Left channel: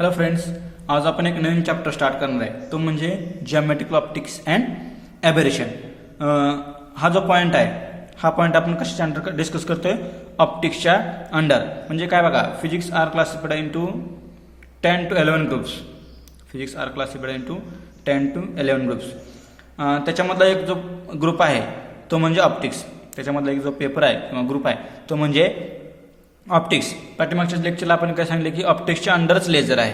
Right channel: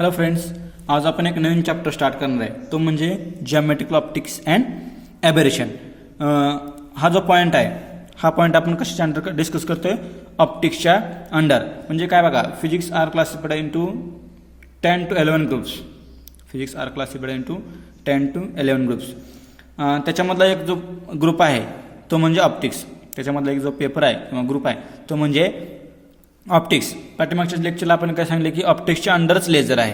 Hello friends, आज आपण एक नवीन चॅप्टर स्टार्ट करणार आहे, तो म्हणजे जिओमेट्रिकल ऑप्टिक्स अँड एबेरेशन. हा जो पॉईंट आहे, हा पॉईंट आपण कशाच्या अंडर डिस्कस करतोय? ऑप्टिक्सच्या अंडर. म्हणजे काय बघा, physics are classified into 10 to 11 groups. Physics are classified into 10 to 11 groups. त्याच्यामधला एक जो ग्रुप आहे तो म्हणजे ऑप्टिक्स. त्याच्यामधला एक जो पेपर आहे किंवा ग्रुप आहे तो म्हणजे ऑप्टिक्स. पाठीमागच्या लेक्चरला आपण काय सांगितले की ऑप्टिक्सच्या अंडरच लेझर आहे.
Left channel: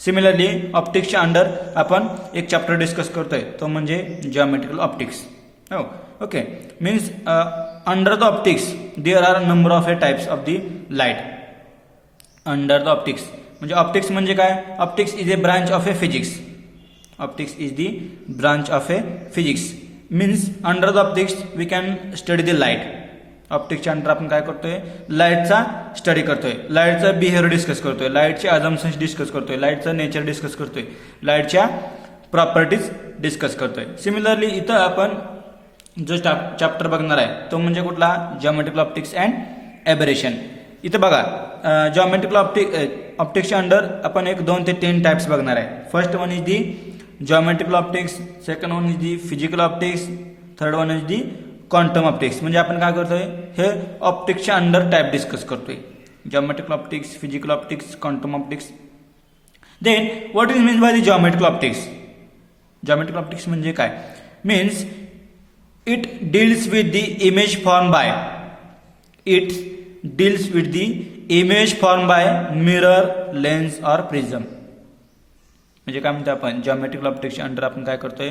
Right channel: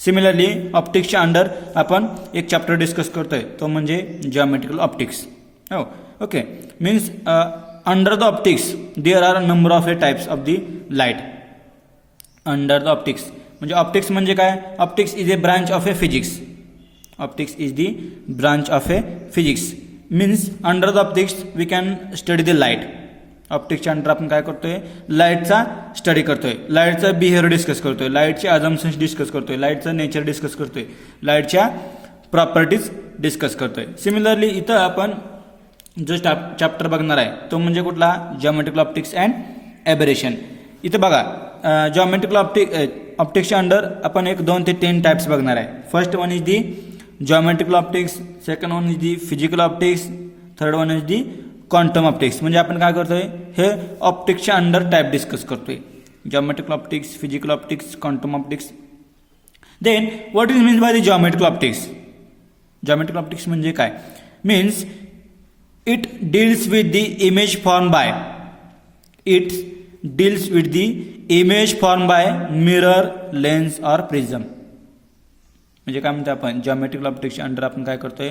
सिमिलरली ऑप्टिक्सच्या अंडर आपण एक चॅप्टर डिस्कस करतोय, तो म्हणजे जिओमेट्रिकल ऑप्टिक्स. हो, okay. Means under the optics there are number of types of the light. Under the optics म्हणजे ऑप्टिक्स म्हणजे काय? Optics is a branch of a physics. Optics is the branch of a physics. Means under the optics we can study the light. ऑप्टिक्सच्या under आपण काय करतोय? लाईटचा study करतोय, लाईटचं बिहेवियर डिस्कस करतोय, लाईटचे अजम्पशन्स डिस्कस करतोय, लाईटचं नेचर डिस्कस करतोय, लाईटच्या प्रॉपर्टीज डिस्कस करतोय. सिमिलरली इथं आपण जो चॅप्टर बघणार आहे तो म्हणजे कुठला? Geometrical optics and aberration. इथं बघा, जिओमेट्रिकल ऑप्टिक्सच्या अंडर आपण 2 ते 10 टाइप्स बघणार आहे. First one is the geometrical optics, second one is the physical optics, third one is the quantum optics. म्हणजे आपण काय करतोय? हे ऑप्टिक्सच्या अंडर टाइप डिस्कस करतोय. Geometrical optics, physical optics, quantum optics. Then what is means by the geometrical optics? Geometrical optics म्हणजे काय? Means it deals with the image form by mirror, lens और प्रिझम. म्हणजे काय म्हणतो आपण? जिओमेट्रिकल ऑप्टिक्सच्या अंडर आपण काय करतोय?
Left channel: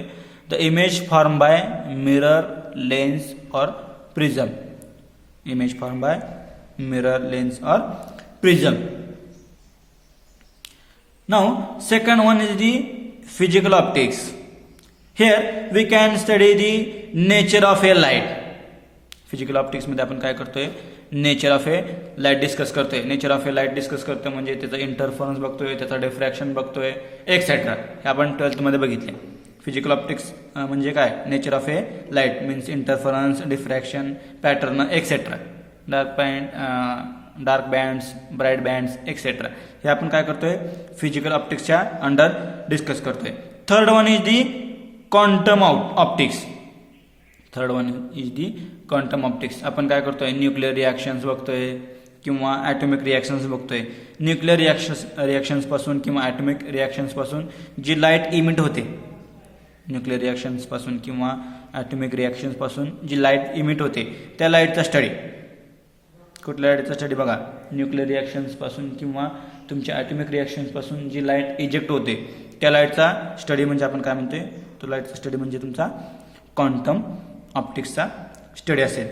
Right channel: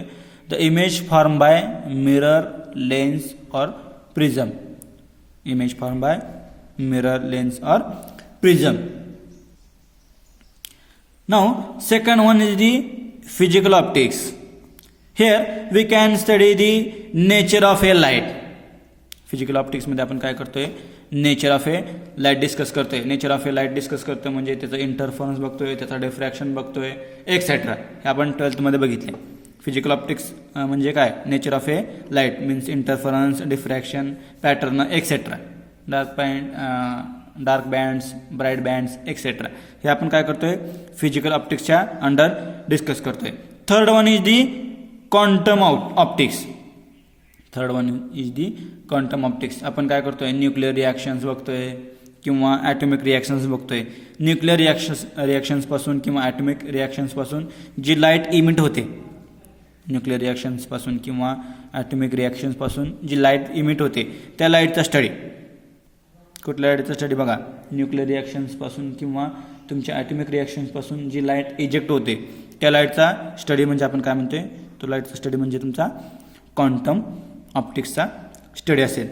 The image form by mirror, lens और prism. Image form by mirror, lens और prism. Now second one is the physical optics. Here we can study the nature of a light. Physical optics मध्ये आपण काय करतोय? Nature of a light discuss करतोय. Nature of a light discuss करतोय म्हणजे त्याचा interference बघतोय, त्याचा डिफ्रॅक्शन बघतोय, एक्सेट्रा. हे आपण 12th मध्ये बघितले. फिजिकल ऑप्टिक्स म्हणजे काय? Nature of a light means interference, diffraction, pattern, etcetera. Dark bands, bright bands, etcetera. हे आपण काय करतोय? फिजिकल ऑप्टिक्सच्या अंडर डिस्कस करतोय. Third one is the quantum optics. Third one is the quantum optics. आपण काय करतोय? न्यूक्लिअर रिॲक्शन्स बघतोय किंवा ॲटॉमिक रिॲक्शन्स बघतोय. न्यूक्लिअर रिॲक्शन्स पासून किंवा ॲटॉमिक रिॲक्शन्स पासून जी लाईट इमिट होते, न्यूक्लिअर रिॲक्शन्स पासून किंवा ॲटॉमिक रिॲक्शन्स पासून जी लाईट इमिट होते, त्या लाईटचा स्टडी. कुठल्या लाईटचा स्टडी? बघा, न्यूक्लिअर रिॲक्शन्स पासून किंवा तुमच्या ॲटॉमिक रिॲक्शन्स पासून जी लाईट इजेक्ट होते त्या लाईटचा स्टडी म्हणजे आपण काय म्हणतोय? तो लाईटचा स्टडी म्हणजे तुमचा क्वांटम ऑप्टिक्सचा स्टडी असेल.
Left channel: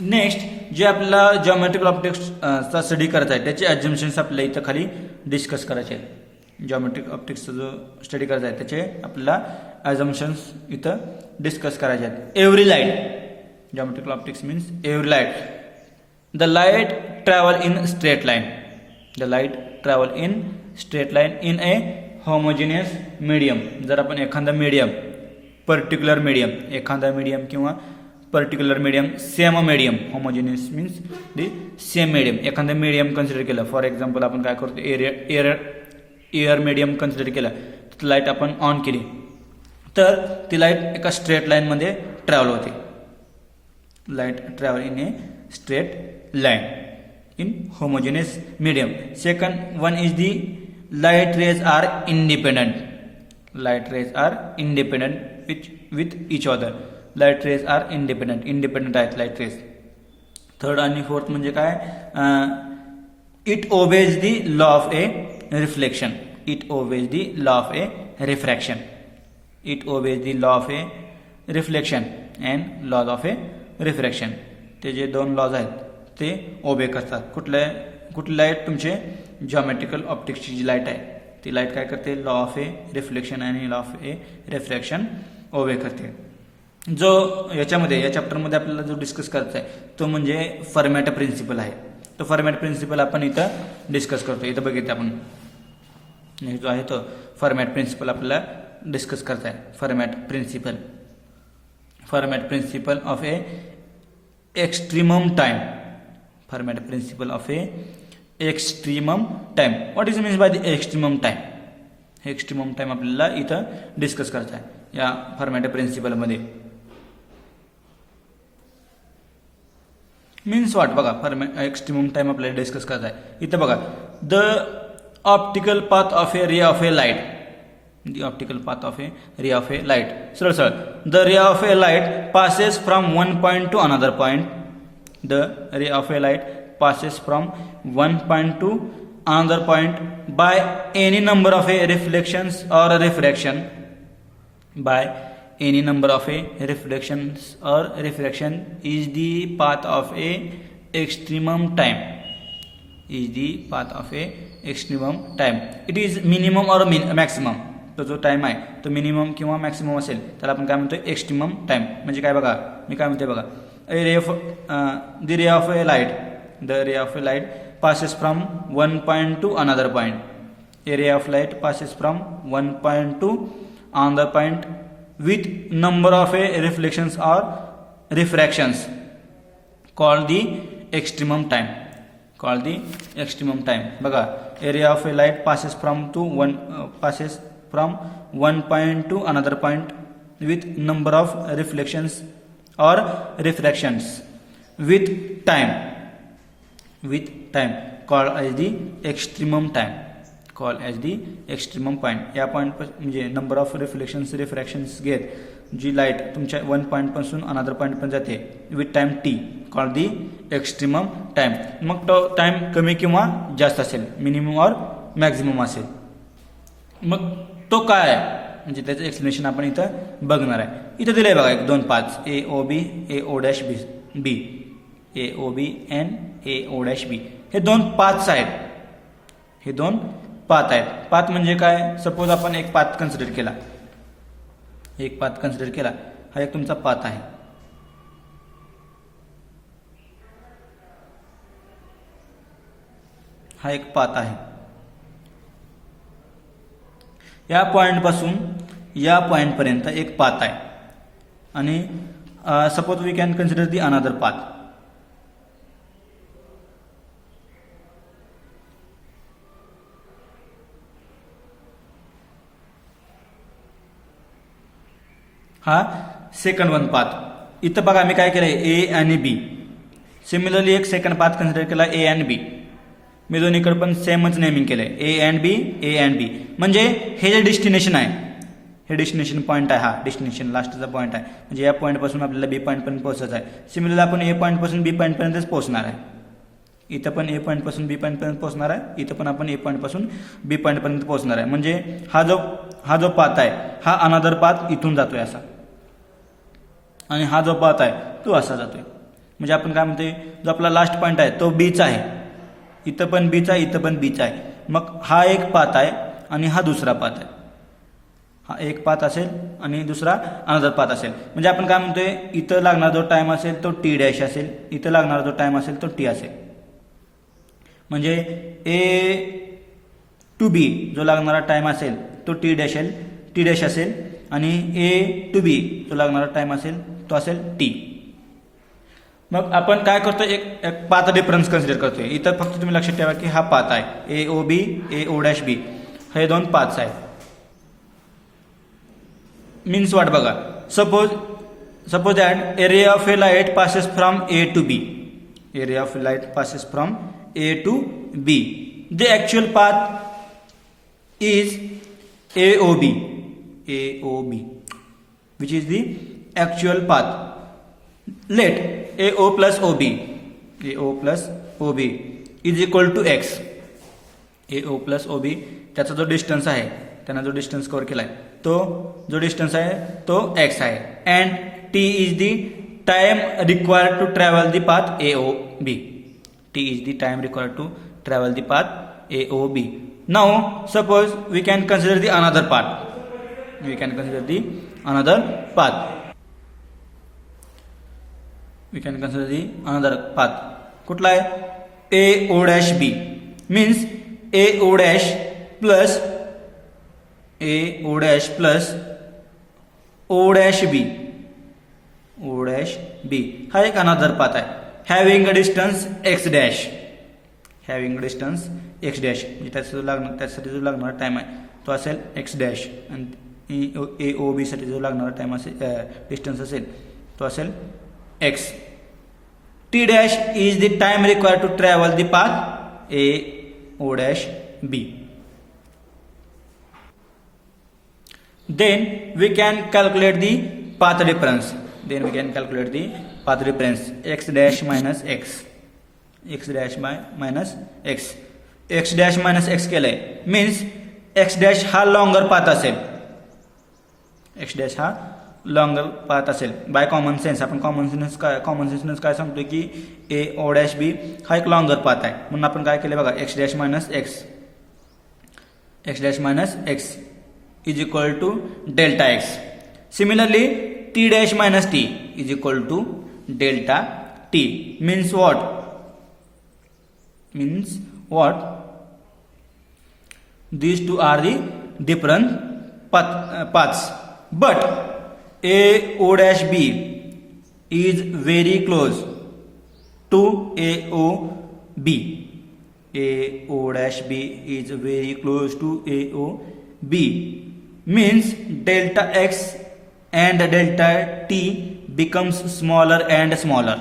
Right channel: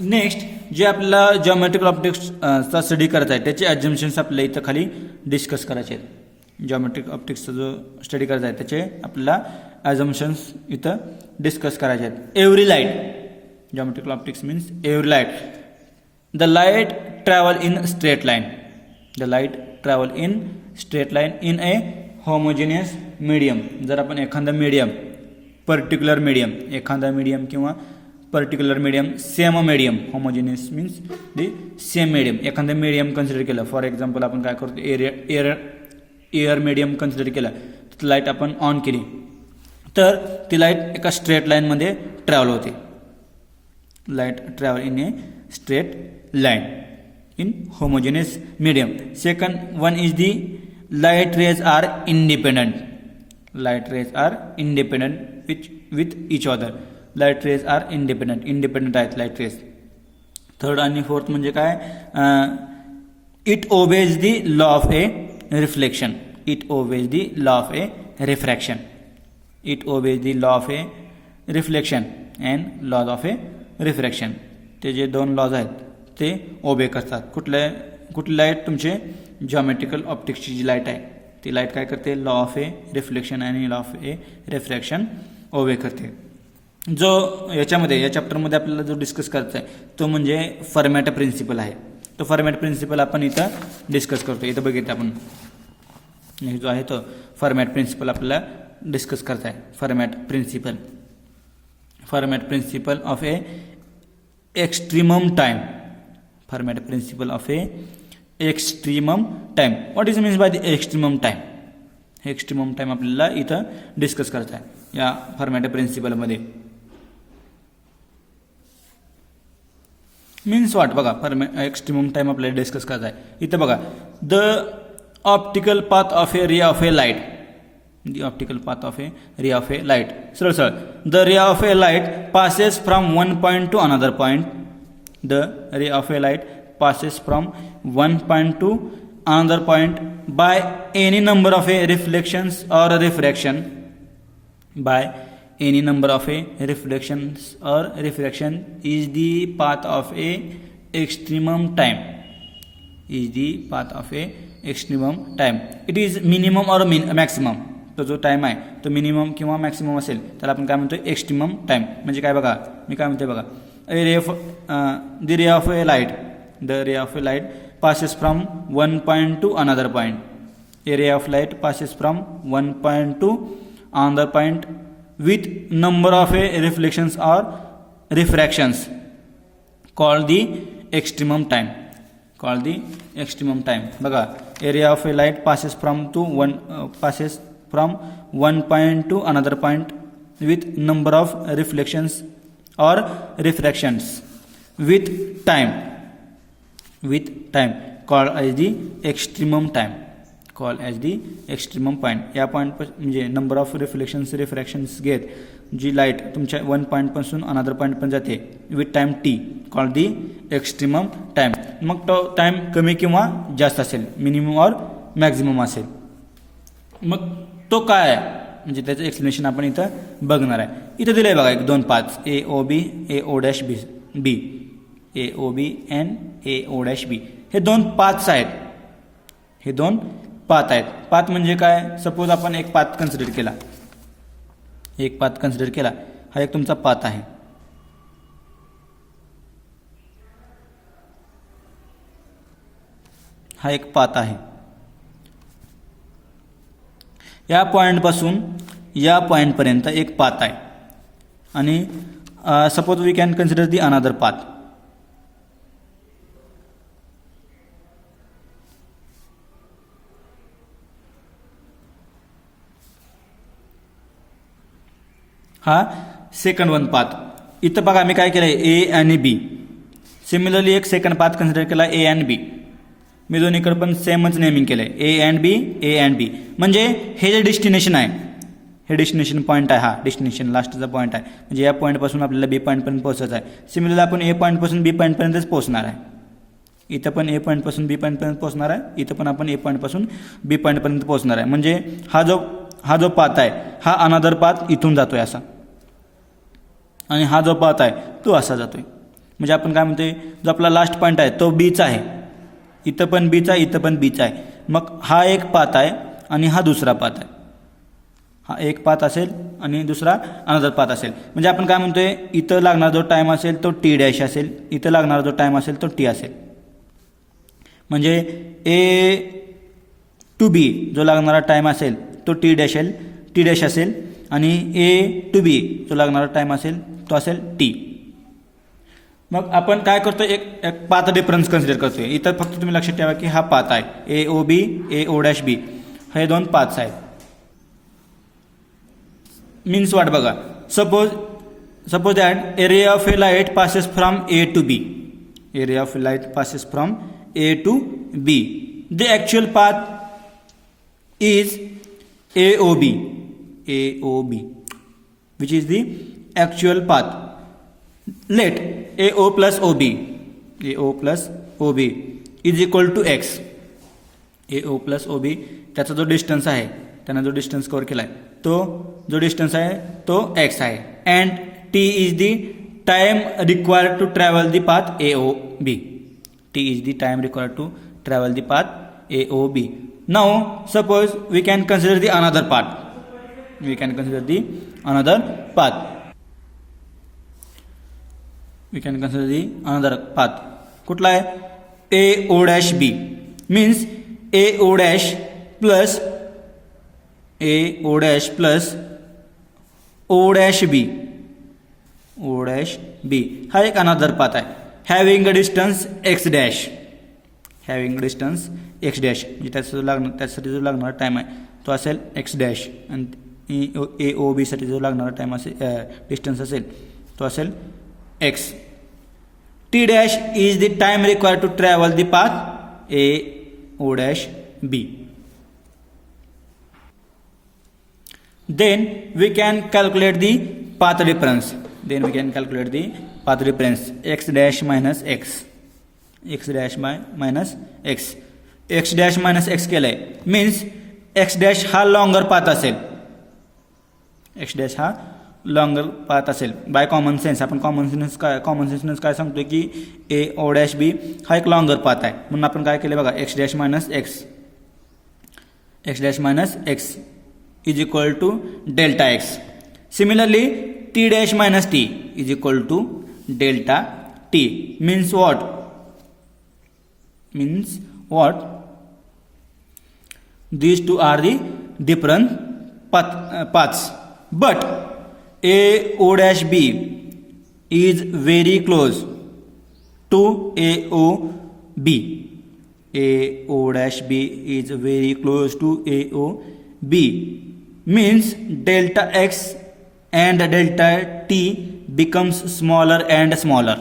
नेक्स्ट जे आपल्याला जिओमेट्रिकल ऑप्टिक्सचा स्टडी करायचा आहे त्याचे अजम्पशन्स आपल्याला इथं खाली डिस्कस करायचे आहेत. जिओमेट्रिक ऑप्टिक्सचा जो स्टडी करायचा आहे त्याचे आपल्याला अजम्पशन्स इथं डिस्कस करायचे आहेत. Every light, geometrical optics means every light. The light travel in straight line. The light travel in straight line in A homogeneous medium. जर आपण एखादा मीडियम, पर्टिक्युलर मीडियम, एखादा मीडियम किंवा particular medium, same medium, homogeneous means the same medium, एखादा medium consider केलं. For example आपण काय करतो? एअर मीडियम कन्सिडर केला, ती लाईट आपण ऑन केली तर ती लाईट एका स्ट्रेट लाईनमध्ये ट्रॅव्हल होते. Light travel in a straight line in homogeneous medium. Second one is the light rays are independent. Light rays are independent with each other. Light rays are independent आहेत light rays. Third आणि fourth म्हणजे काय? It obeys the law of a reflection. It obeys the law of a refraction. It obeys the law of a reflection and laws of a refraction. ते जे 2 lodge आहेत ते ओबे करतात. कुठली लाईट? तुमचे जिओमेट्रिकल ऑप्टिक्सची जी लाईट आहे ती लाईट काय करते? लॉ ऑफ ए रिफ्लेक्शन आणि लॉ ऑफ ए रिफ्रॅक्शन ओबे करते. जो या चॅप्टरमध्ये आपल्याला जो डिस्कस करायचा आहे तो म्हणजे फर्मॅट प्रिन्सिपल आहे. तो फर्मॅट प्रिन्सिपल आपण इथं डिस्कस करतो. इथं बघितलं आपण जो आहे तो फर्मॅट प्रिन्सिपल आपल्याला डिस्कस करता आहे. Fermat principle of a extremum time. Fermat principle of a extremum time. What is means by the extremum time? Extremum time आपल्याला इथं डिस्कस करायचं आहे या फॉर्मॅट प्रिन्सिपलमध्ये. मीन्स व्हॉट बघा, एक्स्ट्रीमम टाइम आपल्याला डिस्कस करायचा आहे. इथं बघा, the optical path of a ray of a light, the optical path of a ray of a light, सरळ सरळ, the ray of a light passes from one point to another point. The ray of a light passes from one point to another point by any number of a reflections or refraction. By any number of a reflections or refraction is the path of a extremum time. Is the path of a extremum time. It is minimum or maximum. तो जो time आहे तो minimum किंवा maximum असेल त्याला आपण काय म्हणतोय? Extremum time. म्हणजे काय बघा, मी काय म्हणतोय बघा, the ray of a light, the ray of a light passes from one point to another point. A ray of light passes from one point to another point with number of reflections or refractions called the extremum time. Called the extremum time. बघा, a ray of a light passes from one point to another point with number of reflections or refractions with time called as the extremum time. Called as the extremum point. या point म्हणजे number of reflections घेत जी light तुमच्या one point पासून another point पण जाते with time T, called the extremum time. मग तो time कमी किंवा जास्त असेल, मिनिमम और मॅक्झिमम असेल. मग तो काय आहे म्हणजे त्याचं एक्सप्लेनेशन आपण इथं बघणार आहे. इथं दिलंय बघा एक 2 path, A O B, A O dash B, A O B and A O dash B. हे 2 पाथ्स आहेत. हे 2 पाथ आहेत. पाथ म्हणजे काय? सपोज आपण एक पाथ कन्सिडर केला, हा एक तुमचा पाथ आहे. हा एक पाथ आहे. या पॉइंट पासून या पॉइंट पर्यंत एक पाथ आहे आणि suppose we can consider the another path. हा सेकंड वन पाथ. इथं बघा मी काय केलंय, ए आणि बी. सिमिलरली एक सेकंड पाथ कन्सिडर केला, ए अँड बी. मी दोन्हीकडे पण सेमच नेमिंग केलंय, ए अँड बी. म्हणजे हे जे डेस्टिनेशन आहे, हे डेस्टिनेशन पॉईंट आहे, हा डेस्टिनेशन लास्टचा पॉईंट आहे. म्हणजे या पॉईंट पासून आपल्याला बी पॉईंट पर्यंत पोहोचायचं आहे. सिमिलरली आपण ए पॉईंट पासून बी पॉईंट पर्यंतच पोहोचणार आहे. इथं पण ए पॉईंट पासून बी पॉईंट पर्यंत पोहोचणार आहे, इथं पण आपण ए पॉईंट पासून बी पॉईंट पर्यंत पोहोचणार आहे. म्हणजे हा जो पाथ आहे हा अनदर पाथ इथून जातोय असा, आणि हा जो पाथ आहे तो असा जातोय. म्हणजे आपण काय म्हणतोय, जो आपला लास्ट पॉईंट आहे तो बीचा आहे. इथं पण बीचा आहे, इथं पण बीचा आहे. मग हा एक पाथ आहे आणि हा दुसरा पाथ आहे. हा एक पाथ असेल आणि दुसरा अनदर पाथ असेल. म्हणजे आपण काय म्हणतोय, इथं लागणारा जो टाइम असेल तो टी डॅश असेल, इथं लागणारा जो टाइम असेल तो टी असेल. म्हणजे ए टू बी जो लागणारा टाइम असेल तो टी डॅश असेल आणि ए टू बी जो लागणारा टाइम असेल तो असेल टी. मग आपण काय करतो, एक पाथ डिफरन्स कन्सिडर करतोय. इथं फक्त तुम्ही लक्षात ठेवा की हा पाथ आहे, ए ओ B, A O dash B, हे 2 पाथ्स आहेत. मीन्स वाट बघा, suppose that a ray of a light passes from a to b. A ray of a light passes from a to b. The actual path is a O b, which is the actual path. Let AO plus OB is equal to x. AO plus OB त्याचा जो distance आहे, त्यानं जो distance cover केलाय तो जो distance आहे तो x आहे. And t is the time required to travel the path AOB. T is the time required to travel the path AOB. Now suppose we can consider the another path. कुठला आहे? ए ओ dash बी. Means ए ओ dash plus O dash बी हा एक another path आहे. Having a distance x dash. Having distance x dash म्हणजे त्यासाठी जो लागणारा time आहे तो असेल एक्स डॅश आणि ए ओ बीसाठी जो लागणारा टाईम असेल डिस्टन्स असेल तो असेल x. T dash is the time required to travel the path A O dash b. Then we can calculate the path difference. X dash minus x. X dash minus x. X dash minus x केलंय means x dash हा longer path असेल. X dash हा longer path असेल. By common sense आपण common sense काय सांगतोय की a o dash b हा एक longer path आहे म्हणून आपण काय केलं बघा x dash minus x. X dash minus x is equal to delta x. Similarly, t dash minus t is equal to delta t. Means what? These two are the different paths. But a o dash b is very close to a o b. A o dash b is very close to a o b. Means delta x and delta t becomes smaller and smaller.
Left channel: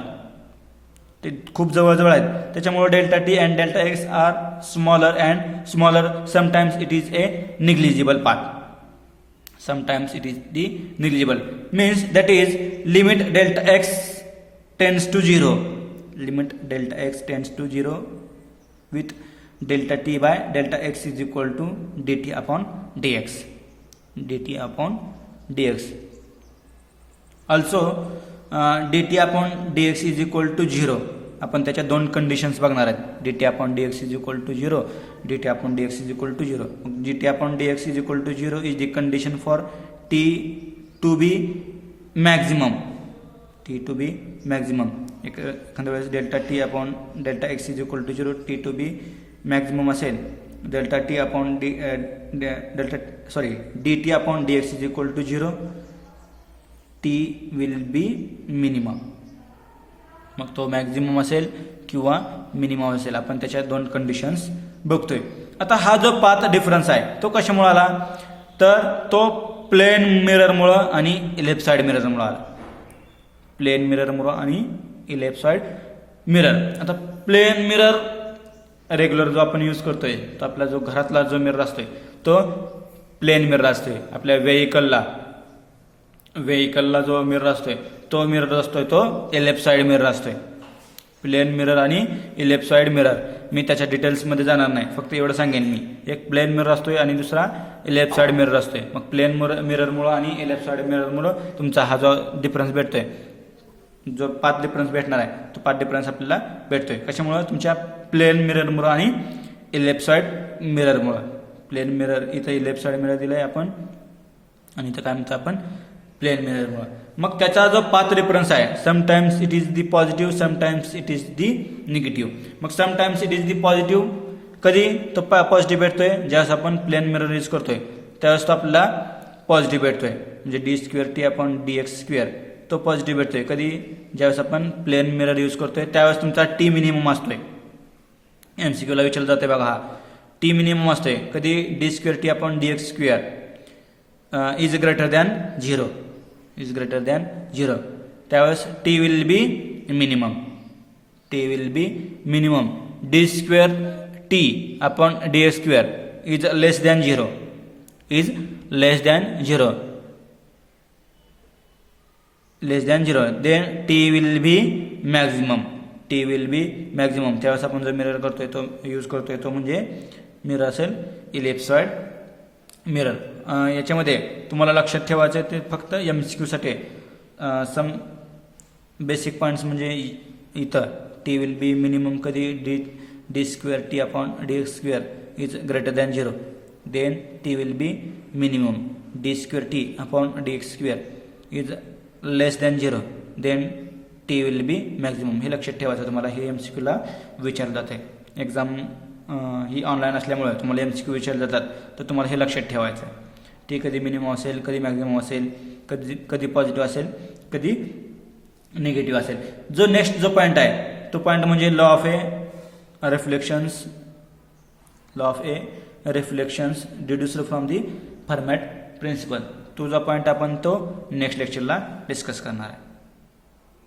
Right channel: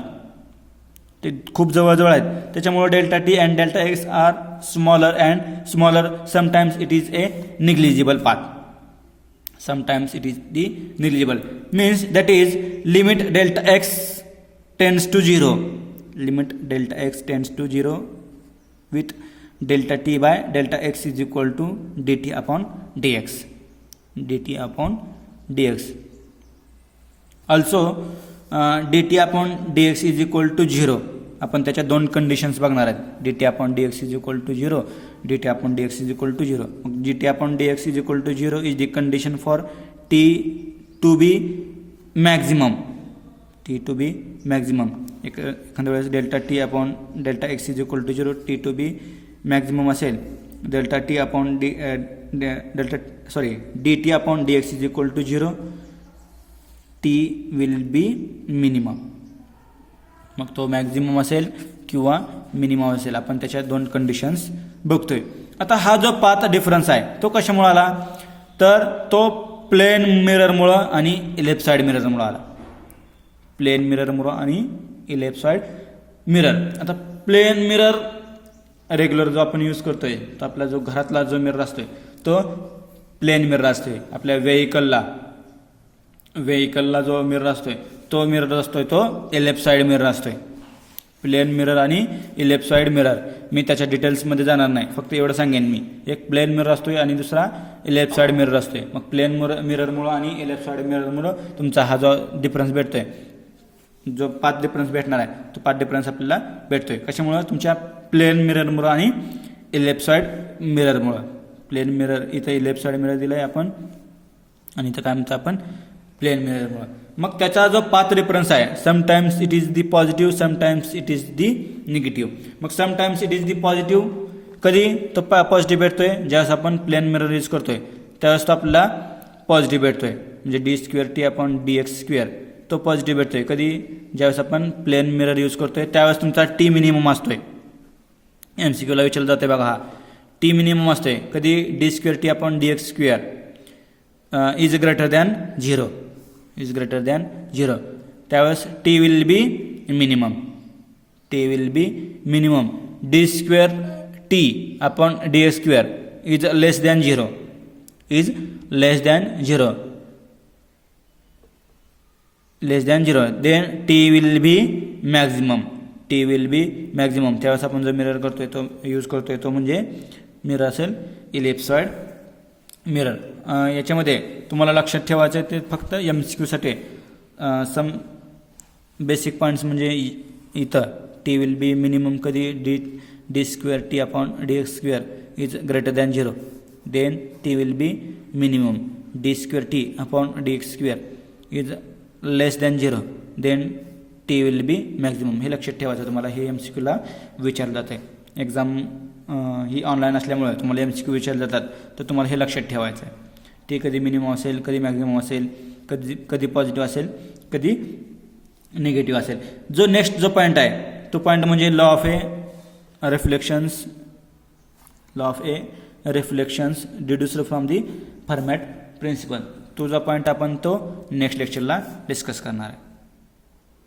ते खूप जवळ आहेत त्याच्यामुळे delta t and delta x are smaller and smaller. Sometimes it is a negligible path. Sometimes it is the negligible. Means that is limit delta x tends to 0. Limit delta x tends to 0 with delta t by delta x is equal to dt upon dx. dt upon dx. Also dt upon dx is equal to 0. आपण त्याच्या दोन conditions बघणार आहेत. dt upon dx is equal to 0. dt upon dx is equal to 0. dt upon dx is equal to 0 is the condition for t to be maximum. t to be maximum. एखाद्या वेळेस delta T upon delta X is equal to 0 T to be maximum असेल. Delta T upon D T upon D X is equal to 0 T will be minimum. मग तो maximum असेल किंवा minimum असेल. आपण त्याच्या दोन कंडिशन्स बघतोय. आता हा जो पाथ डिफरन्स आहे तो कशामुळे आला तर तो प्लेन मिररमुळं आणि लेफ्ट साइड मिररमुळं आला. प्लेन मिररमुळं आणि लेफ्ट साइड मिरर. आता प्लेन मिरर रेग्युलर जो आपण यूज करतोय तो आपला जो घरातला जो मिरर असतोय तो प्लेन मिरर असतोय. आपल्या व्हेकलला जो मिरर असतोय तो मिरर असतोय तो लेफ्ट साइड मिरर असतोय. प्लेन मिरर आणि लेफ्ट साइड मिरर. मी त्याच्या डिटेल्समध्ये जाणार नाही, फक्त एवढं सांगेन मी. एक प्लेन मिरर असतोय आणि दुसरा लेफ्ट साइड मिरर असतोय. मग प्लेन मिररमुळं आणि लेफ्ट साइड मिररमुळं तुमचा हा जो डिफरन्स भेटतोय, जो पाथ डिफरन्स भेटणार आहे तो पाथ डिफरन्स आपल्याला भेटतोय. कशामुळं तुमच्या प्लेन मिररमुळं आणि लेफ्ट साइड मिररमुळं. प्लेन मिरर इथं लेफ्ट साइड मिरर दिलाय आपण आणि इथं काय म्हणतो आपण प्लेन मिररमुळं. मग त्याचा जो पाथ डिफरन्स आहे sometimes it is the positive, sometimes it is the negative. मग sometimes it is the positive कधी तो पॉझिटिव्ह भेटतोय ज्यावेळेस आपण प्लेन मिरर यूज करतोय त्यावेळेस तो आपल्याला पॉझिटिव्ह भेटतोय. म्हणजे D square t upon D x square तो पॉझिटिव्ह भेटतोय. कधी ज्यावेळेस आपण प्लेन मिरर यूज करतोय त्यावेळेस तुमचा टी मिनिमम असतोय. एमसीक्यूला विचारलं जाते बघा, हा टी मिनिमम असतोय कधी d square t upon D x square is greater than 0. Is greater than 0 त्यावेळेस t will be minimum. T will be minimum. D square t upon D x square is less than 0. Is less than 0. Less than 0 then t will be maximum. T will be maximum. त्यावेळेस आपण जो mirror करतोय तो use करतोय तो म्हणजे mirror असेल left side mirror. याच्यामध्ये तुम्हाला लक्षात ठेवायचं ते फक्त MCQसाठी सम बेसिक पॉईंट्स म्हणजे इथं टी विल बी मिनिमम कधी d square t upon D x square is greater than 0. Then t will be minimum. D square t upon D x square is less than 0. Then t will be maximum. हे लक्षात ठेवायचं तुम्हाला. हे MCQला विचारलं जातं आहे. Exam ही online असल्यामुळे तुम्हाला MCQ विचारले जातात तर तुम्हाला हे लक्षात ठेवायचं आहे. टी कधी मिनिमम असेल, कधी मॅक्झिमम असेल, कधी पॉझिटिव्ह असेल, कधी निगेटिव्ह असेल. जो नेक्स्ट जो पॉईंट आहे तो पॉईंट म्हणजे law of a reflections, law of a reflections deduced from the Fermat principle. तुझा पॉईंट आपण तो नेक्स्ट लेक्चरला डिस्कस करणार आहे.